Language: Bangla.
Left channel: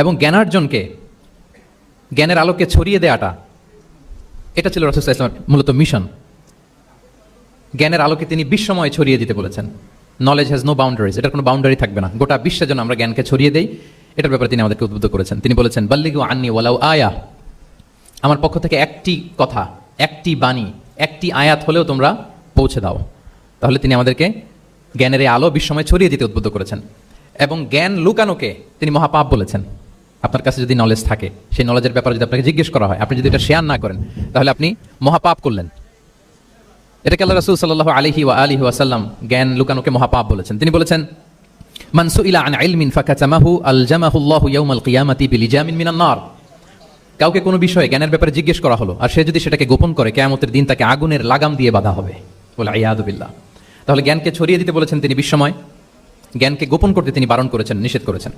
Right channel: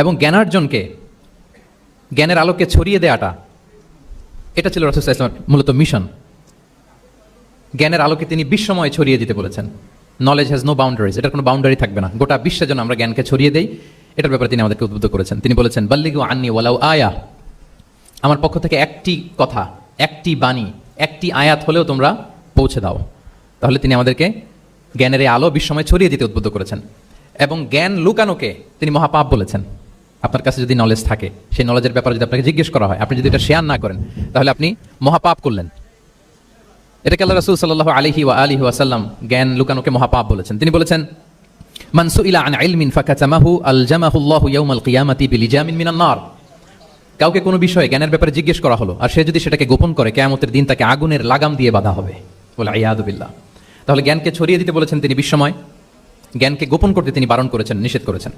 এবং জ্ঞানার্জনকে, জ্ঞানের আলোকে ছড়িয়ে দেওয়াটা, এটা ছিল রাসূল সাল্লাল্লাহু আলাইহি ওয়াসাল্লামের মূলত মিশন। জ্ঞানের আলোকে তিনি বিশ্বময় ছড়িয়ে দিতে বলেছেন। নলেজ হ্যাজ নো বাউন্ডারিজ, এটা কোনো বাউন্ডারি থাকবে না, গোটা বিশ্বের জন্য আমরা জ্ঞানকে ছড়িয়ে দিই, এটার ব্যাপারে তিনি আমাদেরকে উদ্বুদ্ধ করেছেন। তিনি বলেছেন, বাল্লিগু আন্নি ওয়ালাউ আয়া, আমার পক্ষ থেকে একটি কথা, একটি বাণী, একটি আয়াত হলেও তোমরা পৌঁছে দাও। তাহলে তিনি আমাদেরকে জ্ঞানের এই আলো বিশ্বময় ছড়িয়ে দিতে উদ্বুদ্ধ করেছেন। এবং জ্ঞান লুকানোকে তিনি মহাপাপ বলেছেন। আপনার কাছে যদি নলেজ থাকে, সেই নলেজের ব্যাপারে যদি আপনাকে জিজ্ঞেস করা হয়, আপনি যদি এটা শেয়ার না করেন, তাহলে আপনি মহাপাপ করলেন। এটাকে আল্লাহ রাসূল সাল্লাল্লাহু আলাইহি ওয়া আলিহি ওয়াসাল্লাম জ্ঞান লুকানোকে মহাপাপ বলেছেন। তিনি বলেছেন, মান সুইলা আন ইলমিন ফাকাতামাহু আলজামাহুল্লাহু ইয়াউমাল কিয়ামাতি বিলিজামিন মিনান নার। কাউকে কোনো বিষয়ে জ্ঞানের ব্যাপারে জিজ্ঞেস করা হলো, আর সে যদি সেটাকে গোপন করে, কিয়ামতের দিন তাকে আগুনের লাগাম দিয়ে বাঁধা হবে। বলে ইয়াদু বিল্লাহ। তাহলে জ্ঞানকে ছড়িয়ে দিতে বলেছেন তিনি বিশ্বময়, জ্ঞানকে গোপন করতে তিনি বারণ করেছেন, নিষেধ করেছেন।